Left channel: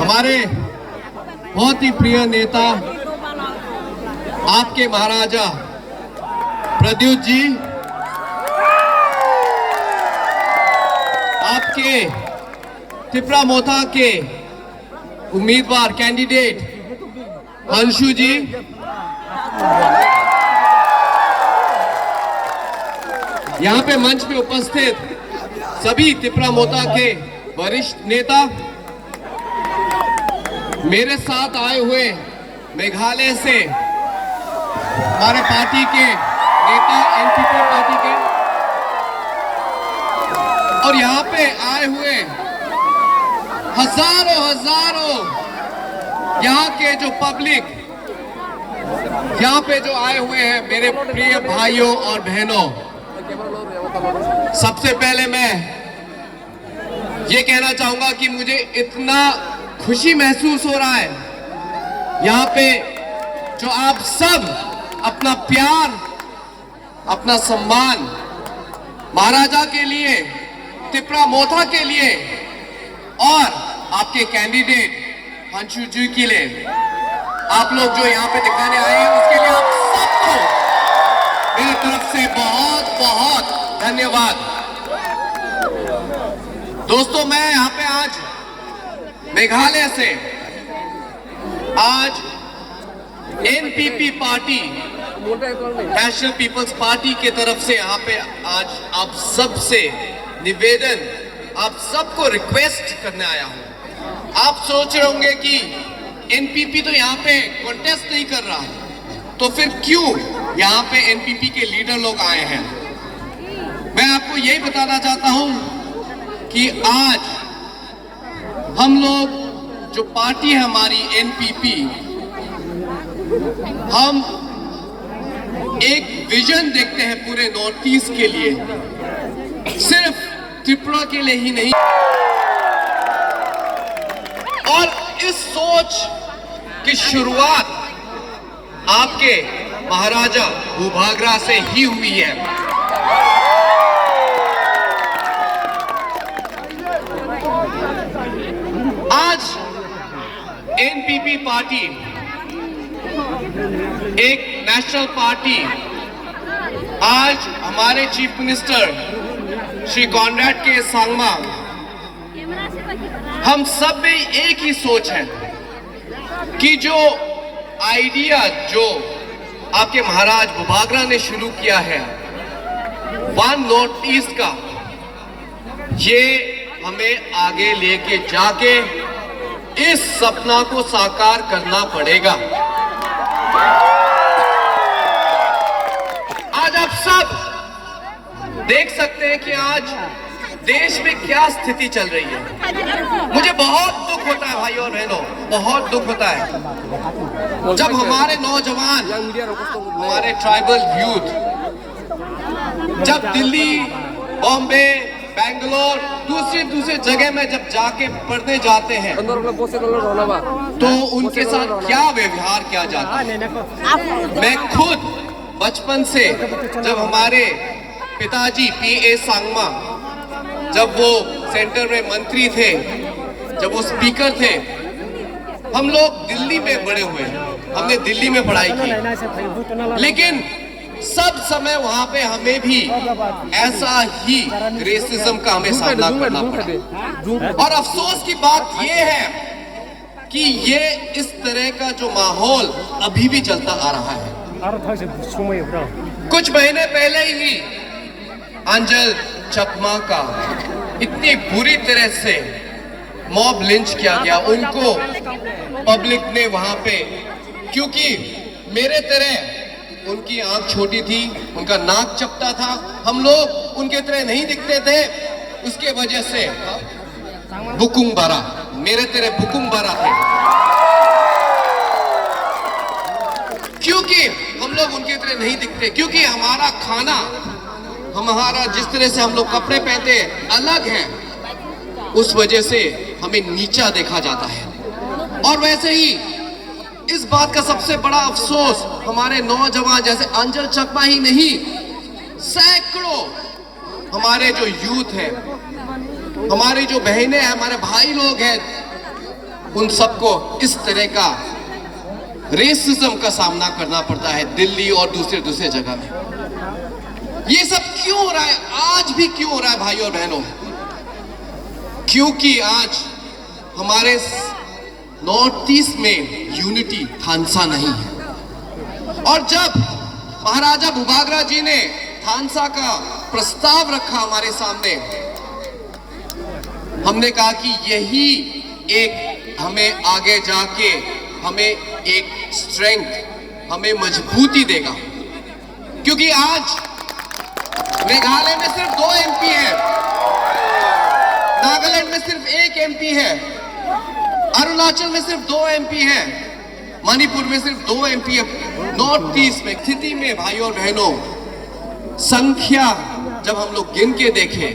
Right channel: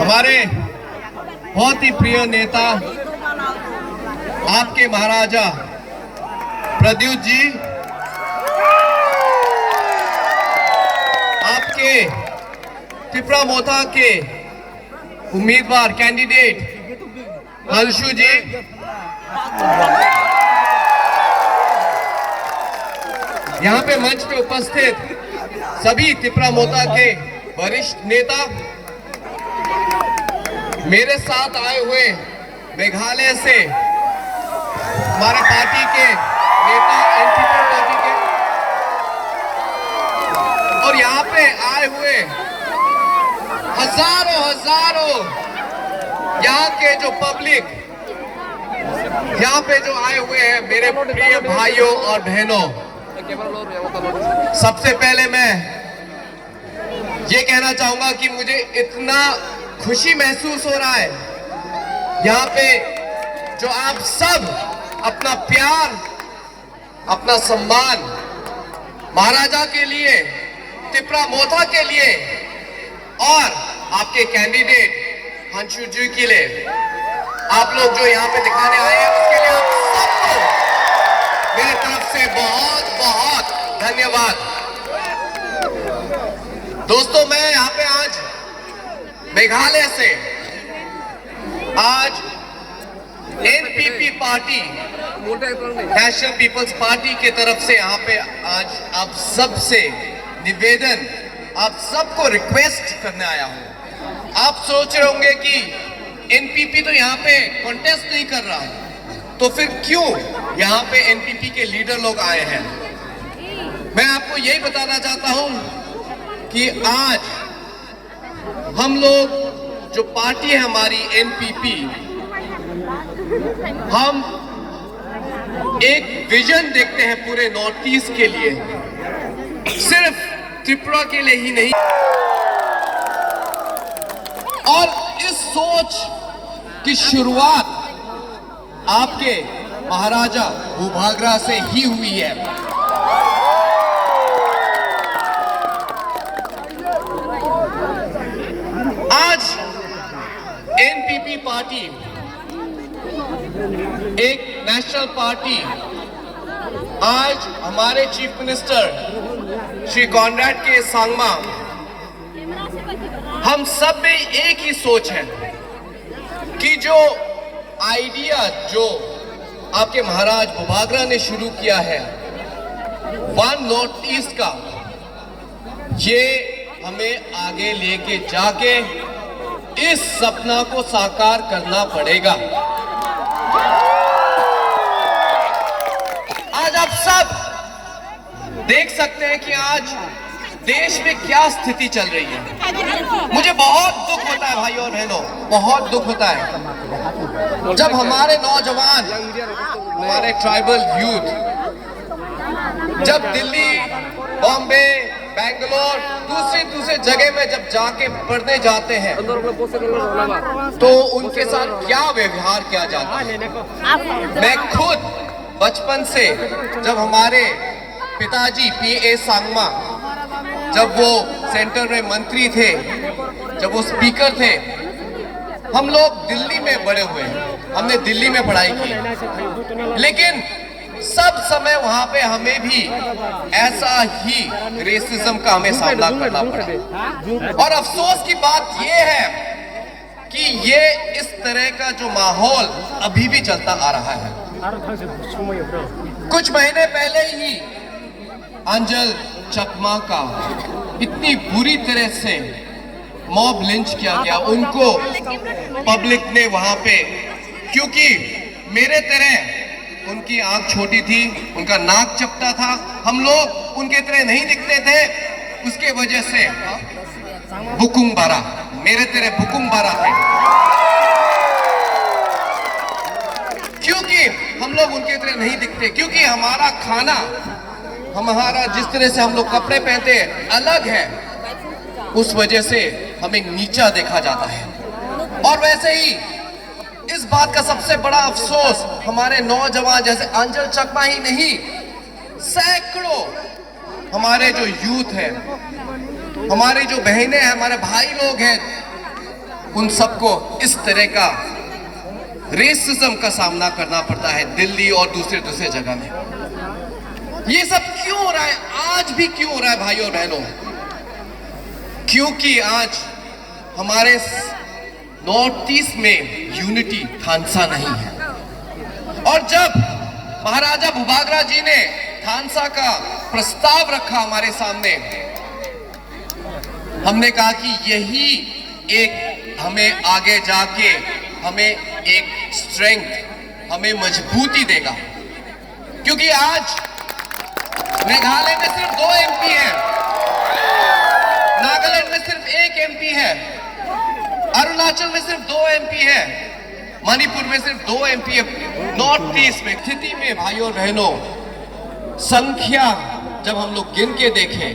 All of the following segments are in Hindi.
हमारे बहुत ही प्रिय नेता आपके महाराजा प्रद्युत जी, आपके त्रिपुरा मोथा के उम्मीदवार कैंडिडेट अंशु जी, यहाँ पे मंच पे उपस्थित सभी त्रिपुरा मोथा के वरिष्ठ नेता, मेरे साथ आए हुए मेघालय से हमारे पार्टी के नेता, एनपीपी पार्टी के, और यहाँ पे आए हुए हजारों यहाँ के जो पब्लिक, यहाँ पे जो आए हुए हैं मेरे प्रिय भाइयों और बहनों, सबसे पहले मैं ये कहना चाहूंगा कि मुझे इतना खुशी महसूस हो रहा है यहाँ पे जो आप सब अपना प्यार, अपना सम्मान महाराजा के लिए, त्रिपुरा मोथा के लिए और आपके कैंडिडेट अंशु जी के लिए, आप लोग जो यहाँ पे दिखाने आए हैं उसके लिए आप सबको मेरी तरफ से बहुत बहुत धन्यवाद। दोस्तों, मैं यहाँ पे आज मेघालय से, आज NPP party, national people's party के तरफ से यहाँ पे आज आप सबसे निवेदन, आप सबको रिक्वेस्ट करने आया हूँ। आप सोच रहे होंगे कि एनपीपी तो यहाँ पे कॉन्टेस्ट नहीं कर रहा, तो फिर क्यों यहाँ पे एनपीपी के लीडर लोग आए हैं? मैं आपको यही बताना चाहता हूँ कि आज हम लोग जो पार्टी है हमारी एनपीपी, हम एक विजन देखते हैं पूरे नॉर्थ ईस्ट के लिए, सिर्फ त्रिपुरा के लिए ही नहीं। और इस सोच की शुरुआत आपके महाराजा भूभागरा से ही हुई है। आज एनपीपी पार्टी एक नेशनल पार्टी, आज हमारे चीफ मिनिस्टर श्री कॉनराड के सांगमा, हम सब में एक ही सोच है कि जो आइडिया जो आपके महाराज भूभागरा ने शुरू किया है वन नॉर्थ ईस्ट का, ये हमें आगे लेके जाके इस सपना को साकार करना पड़ेगा। आज आप सब देख सकते हैं कि आज देश में क्या स्थिति चल रही है। मुझे बहुत दुख होता है भाइयों और बहनों, बहुत दुख होता है जब हमारे नौजवान, हमारे ट्राइबल यूथ जब दिल्ली, बॉम्बे, बेंगलोर, दूसरे जगह में जब जाके पढ़ने जाते हैं तो उनके साथ क्या व्यवहार किया जाता है। मैं खुद बचपन से, जब हमारे पिताजी पीए सांगमा, जब वो सेंटर में मंत्री थे, जब वो स्पीकर थे, हम लोग दिल्ली में बड़े हुए, हमने दिल्ली में पढ़ाई की, लेकिन सब समय वहां पे हमें भी ऐसा ही रेसिज्म का हमें सामना करना पड़ा। और अफसोस की बात ये है कि ये इस तरह का जो माहौल अभी भी चलता आ रहा है। कुछ महीने पहले ही अंजल चकमा का इतनी बुरी तरह से मॉब लिंच किया गया, उनको पब्लिक ने वहां पे, क्योंकि मेरे तरह उनकी आंख छोटी थी, उनका नाक चपटा था, हम लोग उनके तरह नहीं दिखते थे, उसके वजह से बुकुंग बारा, मेरे तरह बुकुंग बारा थे, क्योंकि हम लोग उनके तरह नहीं दिखते, क्योंकि हमारा खाना, हमारा जिस तरह से हम लोग कपड़े पहनते हैं अलग है, उस वजह से हमें नीचा देखा जाता है। और वैसे ही इस बात का सबसे बड़ा अफसोस हमारे नौजवान जैसे अंजल चकमा ही नहीं, सैकड़ों हमारे जो यूथ है, हमारी जो बहनें हैं, हमारे भाई लोग हैं, उन सबको इस तरह का रेसिज्म का सामना करना पड़ता है दिल्ली और दूसरे दूसरे जगह में। ये सब क्यों हो रहा है? आज भी क्यों हो रहा है भाइयों और बहनों? क्योंकि आज हमारे नॉर्थ ईस्ट में यूनिटी थानसा नहीं है। और जब महाराजा भूभागरा जी ने थानसा का प्रस्ताव रखा हमारे सामने, हमने कहा कि यही एक हमें आगे जाके हमें एक स्ट्रेंथ, हमें मजबूती देगा। क्योंकि आज मेघालय में सिर्फ 2 एमपी है, नागालैंड में सिर्फ 1 एमपी है, अरुणाचल में सिर्फ 2 एमपी है, मणिपुर में सिर्फ 2 एमपी है। नॉर्थ ईस्ट में स्थिति में भाइयों और बहनों, संख्या जब हम लोग गिन के देखें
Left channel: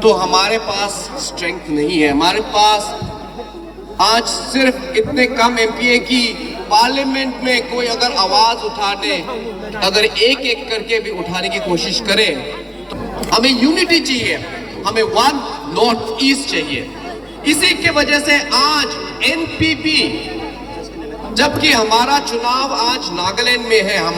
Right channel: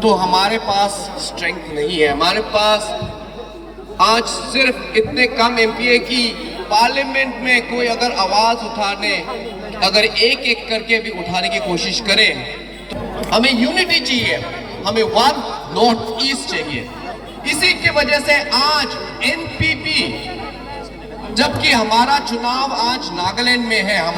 तो हमारे पास स्ट्रेंथ नहीं है। हमारे पास आज सिर्फ इतने कम एमपी है कि पार्लियामेंट में कोई अगर आवाज उठाने, अगर एक एक करके भी उठाने की कोशिश करे तो हमें यूनिटी चाहिए, हमें वन नॉर्थ ईस्ट चाहिए। इसी की वजह से आज एनपीपी, जबकि हमारा चुनाव आज नागालैंड में है, हम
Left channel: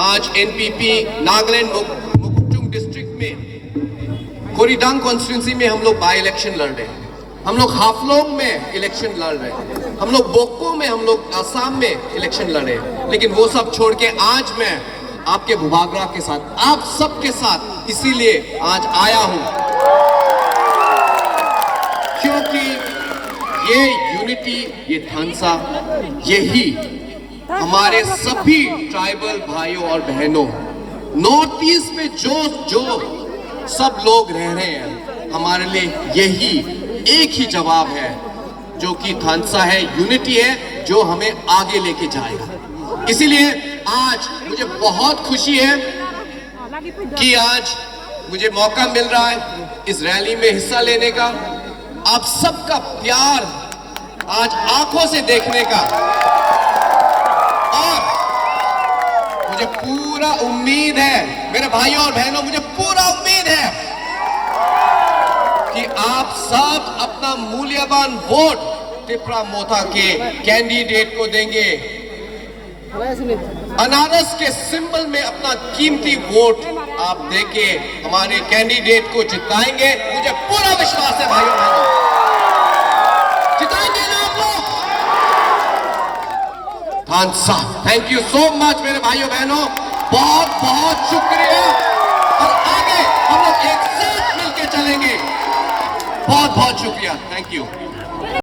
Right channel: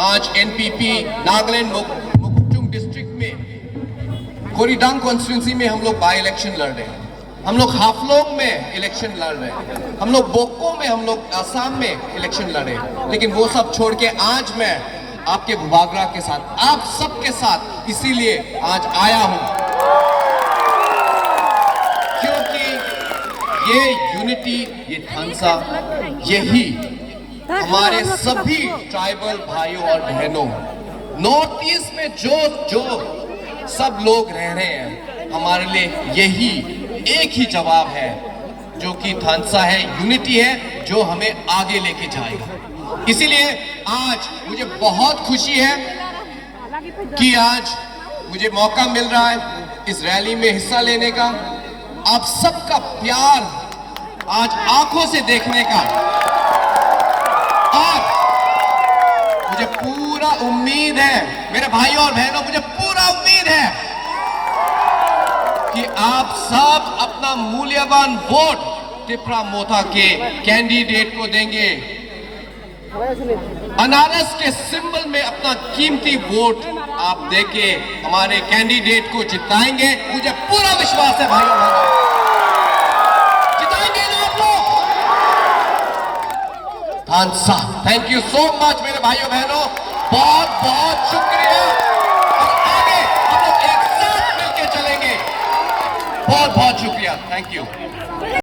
आज एनपीपी नागालैंड मुकुटुंग डिस्ट्रिक्ट में कोरीडांग कॉन्स्टिट्यूंसी में हम लोग बाई इलेक्शन लड़ रहे हैं, हम लोग हाफलोंग में इलेक्शन लड़ रहे हैं, हम लोग बोको में, हम लोग आसाम में इलेक्शन लड़े। लेकिन वो सब छोड़ के आज मैं आपके भूभागरा के साथ, आप सबके साथ इसीलिए आज आया हूं क्योंकि ये यूनिटी, ये थानसा, यही हमारे सभी ट्राइबल भाइयों और बहनों, नॉर्थ ईस्ट में जो सब लोग रह रहे हैं, हमारे लिए यही एक ही जवाब है, जो कि थानसा है, यूनिटी है, जो हमें आगे लेके जाएगा। इसीलिए आज मुझे बहुत खुशी है कि आज मुझे मौका मिल रहा है इस रैली में हिस्सा लेने का, आप सबका प्यार आज आंखों से देखने का, और मुझे पूरा उम्मीद है मेरे भाइयों और बहनों, मुझे पूरा उम्मीद है कि आप सब अपना मूल्यवान वोट टिपरा मोथा के कैंडिडेट को देंगे, अनारस के सिंबल में अपना कीमती वोट आप देके हमारे कैंडिडेट को जिताएंगे। मुझे पूरा विश्वास है भाइयों बहनों, जिताएंगे ना आप लोग। थानसा, थैंक यू सो मच मेरे भाइयों बहनों, बहुत बहुत शुक्रिया। और आगे हम लोग एक साथ मिलकर चलेंगे। बहुत बहुत शुक्रिया, थैंक यू।